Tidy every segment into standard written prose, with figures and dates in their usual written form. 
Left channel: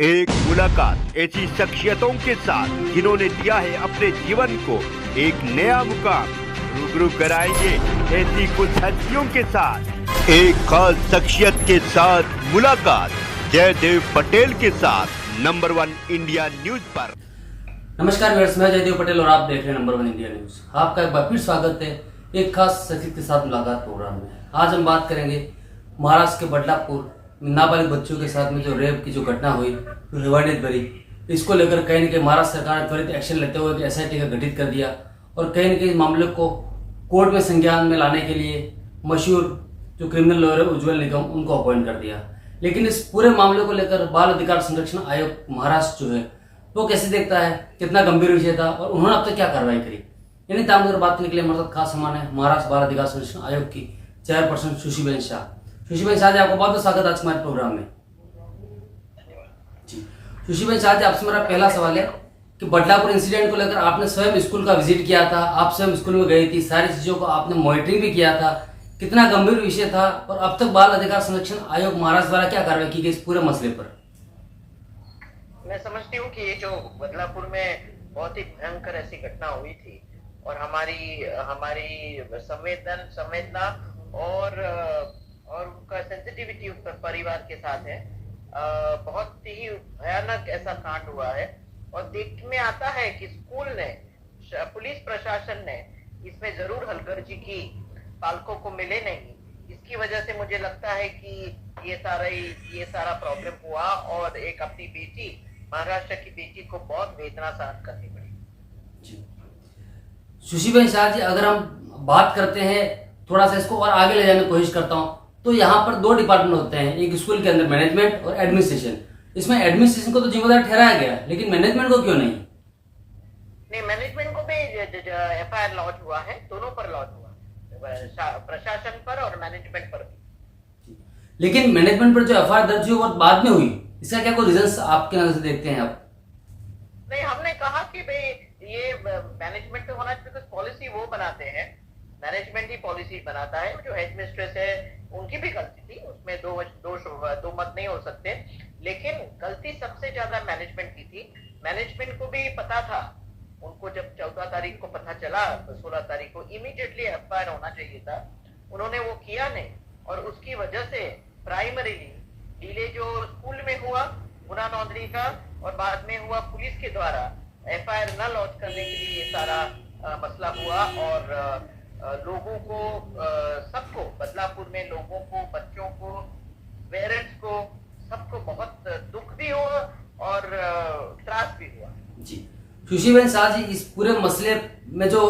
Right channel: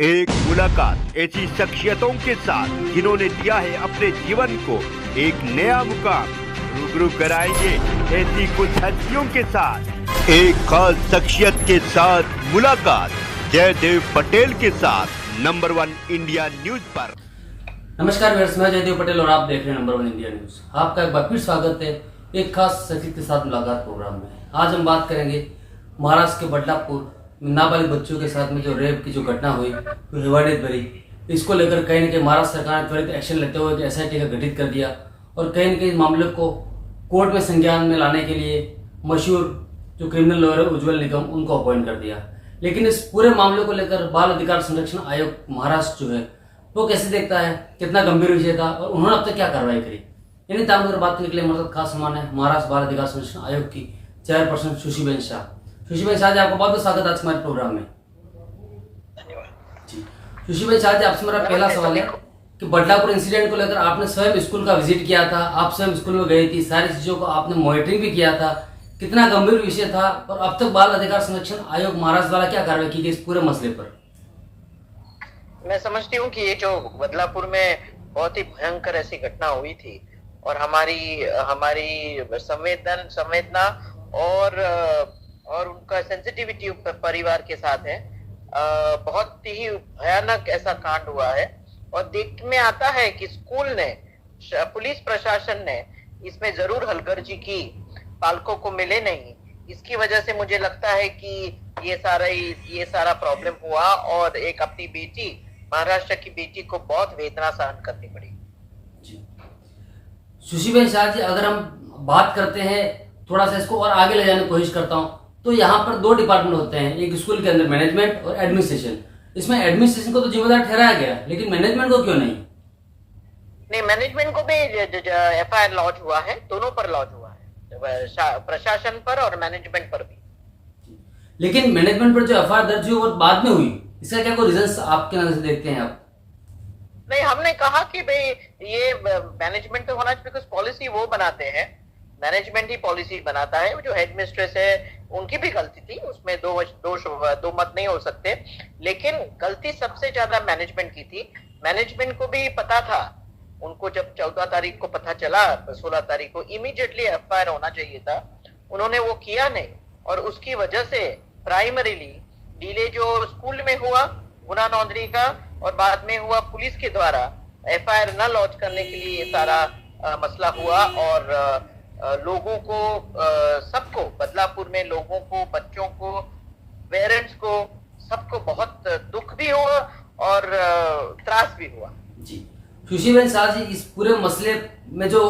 एक मुलाकात ऐसी शख्सियतों के साथ जिन्होंने दिया है अपने जीवन को एक नया मुकाम। रूबरू कराएंगे ऐसी कुछ हस्तियों के साथ एक खास शख्सियत के साथ मुलाकात जयदेव पटेल के साथ नंबर 1 इंडिया न्यूज पर। नमस्कार व्यूअर्स, मैं जयदेव पटेल और आप देख रहे हैं नंबर 1 इंडिया न्यूज। आपका एक बार फिर स्वागत है एक खास शख्सियत के साथ मुलाकात प्रोग्राम में। आज हम बात करेंगे महाराष्ट्र के बदलापुर में नाबालिग बच्चों के साथ में जो रेप की जो घटना हुई, तो हैवानियत भरी, इसको लेकर कहीं न कहीं महाराष्ट्र सरकार ने त्वरित एक्शन लेते हुए एक एसआईटी का गठित कर दिया और कहीं न कहीं इस मामले को कोर्ट में संज्ञान में लाने के लिए मशहूर जो क्रिमिनल लॉयर है उज्ज्वल निगम, उनको अपॉइंट कर दिया। लेकिन इस पूरे मामले को लेकर बाल अधिकार संरक्षण आयोग महाराष्ट्र जो है वो कैसे देखता है, कितना गंभीर विषय था और उन्होंने अब तक क्या कार्रवाई करी, इन्हीं तमाम पर बात करने के लिए हमारे साथ खास मेहमान है महाराष्ट्र बाल अधिकार संरक्षण आयोग की चेयरपर्सन सुशीबेन शाह। सुशीबेन शाह जी, आपका बहुत बहुत स्वागत है आज हमारे प्रोग्राम में। जी सुशीबेन शाह जी, आपसे मेरा पहला सवाल है कि बदलापुर इंसिडेंट को लेकर आपने स्वयं स्कूल का विजिट किया था, आप स्वयं स्कूल में गई थी, सारी चीजों को आपने मॉनिटरिंग भी किया था, कितना गंभीर विषय था और अब तक बाल अधिकार संरक्षण आयोग महाराष्ट्र द्वारा क्या कार्रवाई की गई इस पूरे मसले पर? मैं समझती हूँ कि ये जो बदलापुर में बहुत ही भयंकर ऐसी घटना हुई थी और हमारी संवेदना और उनका सेंसिटिविटी परिवार के साथ है। बहुत ही भयानक ऐसा कांड हुआ है और देख में आता है कि स्कूल ने, पुलिस प्रशासन ने इसमें जरूर हलगर्जी की, पालकों को मिले नहीं। इसकी वजह से मुझे लगता है कि ये सारा प्रॉब्लम हुआ और एक अपनी बेटी, महाराष्ट्र की बेटी को बहुत वेदना सहन करनी पड़ी। सुशीबेन शाह जी, अगर हम बात करते हैं, थोड़ा सा इसको और आगे ले जाने की कोशिश करता हूं, तो यहाँ पर दो डिपार्टमेंट होते हैं, एक स्कूल के अंदर मैनेजमेंट और एडमिनिस्ट्रेशन। इसमें एडमिनिस्ट्रेशन को तो जिम्मेदार ठहराया गया, लेकिन मैनेजमेंट को क्यों नहीं? नहीं, मैनेजमेंट को भी एफआईआर लॉन्च हुआ है, दोनों पर लॉन्च हुआ है, प्रशासन पर और मैनेजमेंट पर भी। लेकिन मैनेजमेंट पर जो एफआईआर दर्ज हुई वो बाद में हुई, इसका क्या कोई रीजन आपके नजर से देखते हैं आप? नहीं, हमने कहा कि भाई ये मैनेजमेंट पे होना चाहिए, बिकॉज पॉलिसी वो बनाते हैं, मैनेजमेंट ही पॉलिसी बनाता है। जो हेडमिस्ट्रेस है उनकी भी गलती थी, उसमें दो मत नहीं हो सकते, लेकिन गलती सबसे ज्यादा मैनेजमेंट की थी। मैनेजमेंट को भी पता था, उनको जब 14 तारीख को पता चला, 16 तारीख को इमीडिएटली एफआईआर होना चाहिए था, उन्होंने वो किया नहीं और उसकी वजह से प्राइमरीली डिले जो स्कूल में हुआ गुना नोंदणी का और बाद में हुआ पुलिस के द्वारा एफआईआर न लॉन्च करने के लिए ये सारा मसला हुआ और लोगों को, सबको, बदलापुर में लोगों को, बच्चों को, पेरेंट्स को, सबको बहुत दुख भी हुआ और त्रास भी हुआ। जी सुशीबेन शाह जी, इस पूरे मसले में जो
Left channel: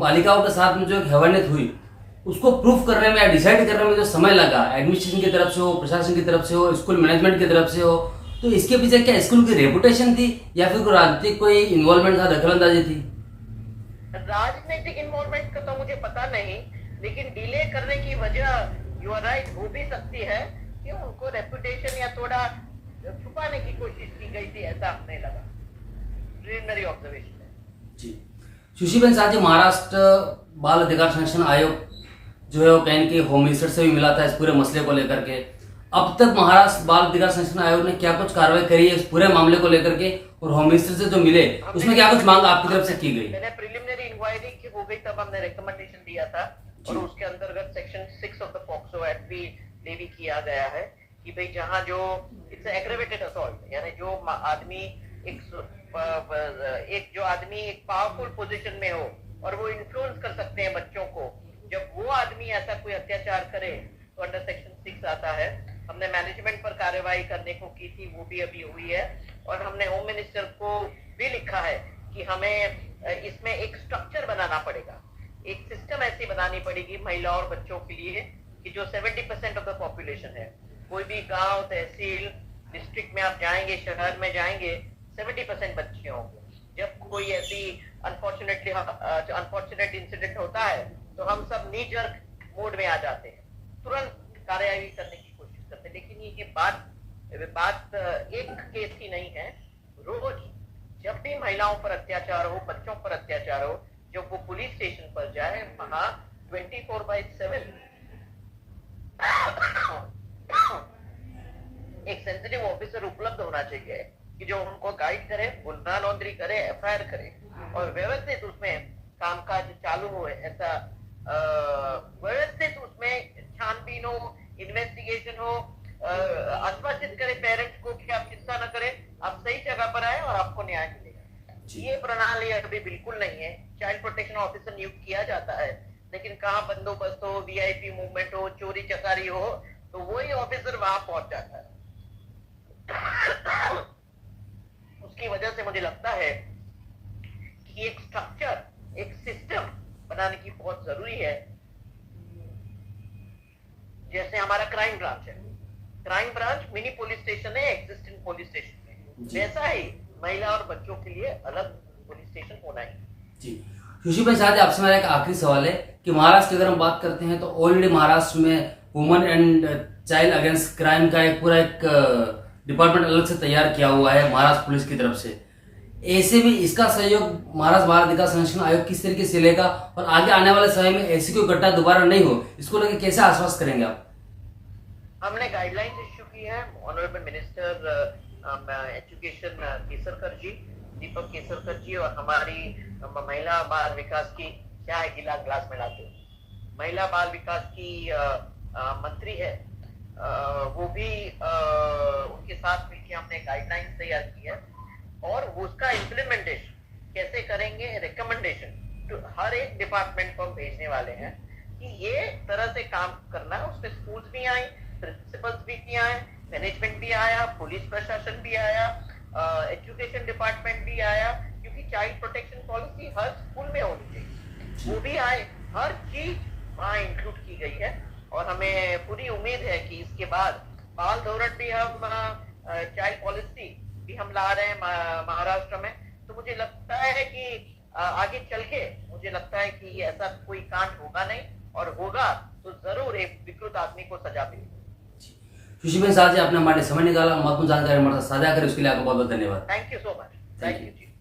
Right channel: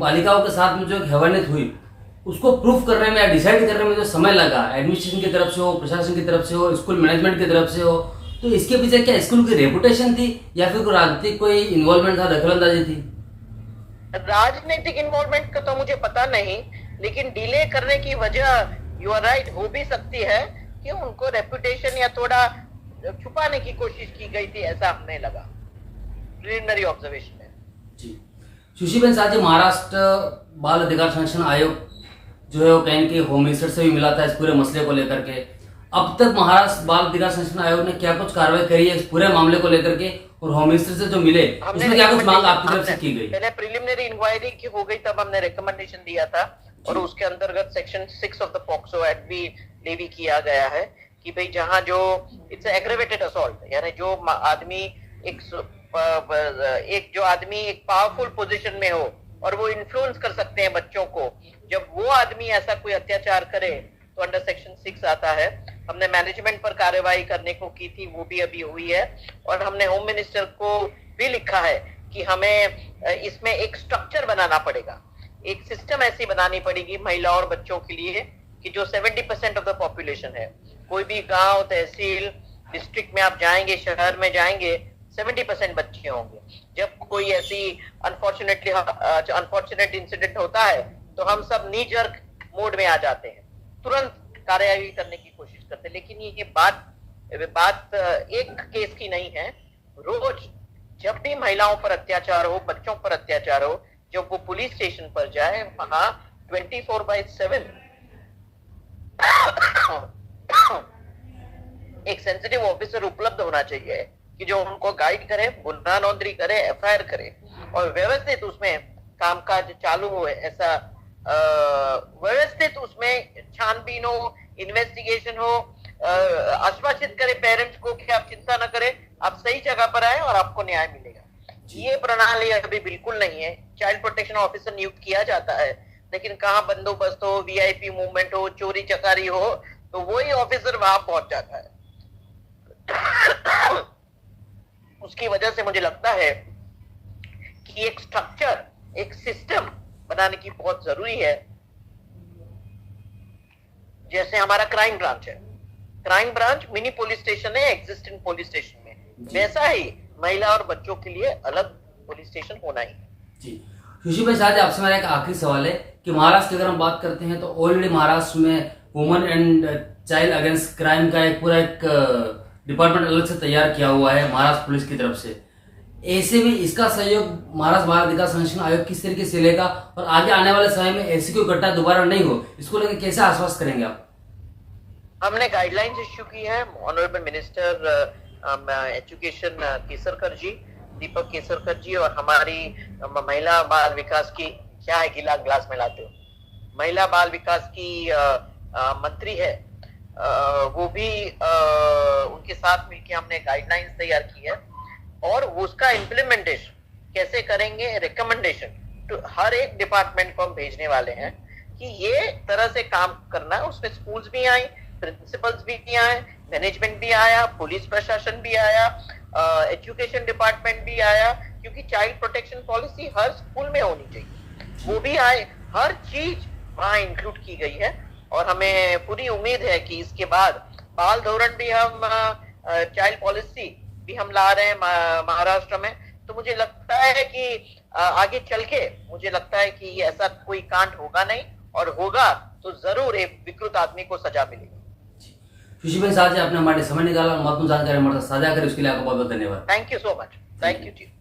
बालिकाओं के साथ में जो हैवानियत हुई, उसको प्रूफ करने में या डिसाइड करने में जो समय लगा, एडमिनिस्ट्रेशन की तरफ से हो, प्रशासन की तरफ से हो, स्कूल मैनेजमेंट की तरफ से हो, तो इसके पीछे क्या स्कूल की रेपुटेशन थी या फिर कोई राजनीतिक कोई इन्वॉल्वमेंट था, दखलंदाजी थी? राजनीतिक इन्वॉल्वमेंट का तो मुझे पता नहीं, लेकिन डिले करने की वजह, यू आर राइट, हो भी सकती है कि उनको रेपुटेशन या थोड़ा छुपाने की कोशिश की गई थी, ऐसा हमें लगा प्रिलिमिनरी ऑब्जर्वेशन में। जी सुशीबेन शाह जी, महाराष्ट्र बाल अधिकार संरक्षण आयोग जो है वो कहीं न कहीं होम मिनिस्टर से भी मिला था इस पूरे मसले को लेकर के। अब तक महाराष्ट्र बाल अधिकार संरक्षण आयोग ने क्या कुछ कार्रवाई करी है इस पूरे मामले को लेकर के, और होम मिनिस्टर से जो मिले उसमें क्या कुछ मांग आपकी तरफ से की गई? पहले प्रिलिमिनरी इंक्वायरी की हो गई, तब हमने रिकमेंडेशन दिया था और उसके अंतर्गत section 6 of the POCSO act भी लेवी किया गया है कि भाई जहां जो इट्स एग्रेवेटेड असॉल्ट, यानी जो आदमी एक पावरफुल पोजीशन में हो और वो इन्फ्लुएंस कर सकते हैं बच्चों को, जब वो आदमी ऐसा कोई अत्याचार करे तो अंडर सेक्शन 6 आता है। हमने मैनेजमेंट पर कार्रवाई करने को की थी, वो भी अभी हुई है और हमने होम मिनिस्टर को भी लिखा है कि हमें इसमें एक स्ट्रक्चर बनाना पड़ेगा, एक सिस्टम ऐसी बनानी पड़ेगी महिलाओं और बच्चों के लिए कि जो 70% ऑफ द पॉपुलेशन है, कोई भी गांव, तहसील, डिस्ट्रिक्ट में आप जाएंगे, शहर में जाएंगे, 70% बच्चे होंगे। जब कोई ऐसी अनफॉर्चुनेट इंसिडेंट होता है तो हम सब नी जर्क मोड में आ जाते हैं, तुरंत कार्यवाही करने की कोशिश करते हैं। लेकिन ये बात एक केस की नहीं है, रोज जब भी महिलाओं पर अत्याचार हो, बच्चों पर अत्याचार हो, जब वो पुलिस स्टेशन पर जाए, वहां 24/7 एक सेंसिटिव ऑफिसर उपलब्ध होना चाहिए कि जो उनको गाइड करे, गुनाह नोंदनी करे, एफआईआर करे और व्यवस्थित उसमें कामकाज चालू हो। ऐसा व्यवस्थित उसमें छानबीन हो, इन्वेस्टिगेशन हो, आश्वासित करे पेरेंट्स को कि आप चिंता न करें, आप सही जगह पर आए और आपको न्याय मिलेगा। ये प्रणाली अभी बिल्कुल नहीं है। चाइल्ड प्रोटेक्शन ऑफिसर नियुक्त किया जाता है, लेकिन कहाँ बंदोबस्त हो, वीआईपी मूवमेंट हो, चोरी चकारी हो, तो वही ऑफिसर वहां पहुंच जाता है। उसकी वजह से मुझे लगता है कि एक स्ट्रक्चर, एक सिस्टम बनाने की बहुत जरूरी है। जैसे हमारा क्राइम ब्रांच है, crime branch mini police station है एग्जिस्टिंग पुलिस स्टेशन में, वैसा ही महिला और बच्चों के लिए अलग पुलिस स्टेशन होना ही। जी सुशील भाई, साथ ही आपसे मेरा एक आखिरी सवाल है कि महाराष्ट्र की अगर हम बात करते हैं तो ऑलरेडी महाराष्ट्र में women and child against crime का एक पूरा एक डिपार्टमेंट अलग से तैयार किया हुआ है महाराष्ट्र पुलिस की तरफ से। ऐसे में इसका सहयोग महाराष्ट्र बाल अधिकार संरक्षण आयोग किस तरीके से लेगा और आगे आने वाले समय में ऐसी कोई घटना दोबारा नहीं हो, इसको लेकर कैसे आश्वस्त करेंगे आप? हमने गाइडलाइंस इश्यू की है। ऑनरेबल मिनिस्टर एजुकेशन केसरकर जी, दीपक केसरकर जी और हमारी महिला बाल विकास की, क्या है गिलास में लाते हो, महिला बाल विकास की मंत्री है, वो भी उनके साथ मिलकर हमने गाइडलाइंस तैयार की है और उसका इम्प्लीमेंटेशन कैसे करेंगे, रिकमेंडेशन तो हर एक डिपार्टमेंट को हम भेजने वाले हैं कि ये तरह से काम करना है। उसमें स्कूल्स भी आए, प्रिंसिपल्स भी आए, मैनेजमेंट भी आया, पुलिस प्रशासन भी आया, एजुकेशन डिपार्टमेंट भी आया, क्योंकि चाइल्ड प्रोटेक्शन पॉलिसी हर स्कूल में होनी चाहिए, वो भी आए। हर चीज वहाँ इंक्लूड की गई है और हमें पूरी उम्मीद है कि इसके बाद बाल धोरण भी हम, चाइल्ड पॉलिसी भी हम ला रहे हैं महाराष्ट्र में। तो मुझे लगता है कि आगे चल के मुझे लगता है कि ऐसा कोई कांड होगा नहीं, और होगा तो जरूर एक विकृत आदमी को सजा मिलेगी। सुशील भाई, साथ ही आपने हमारे समय निकाला, महत्वपूर्ण जानकारी हमारे साथ साझा करें, उसके लिए आपका बहुत बहुत धन्यवाद। Thank you so much. Thank you ji.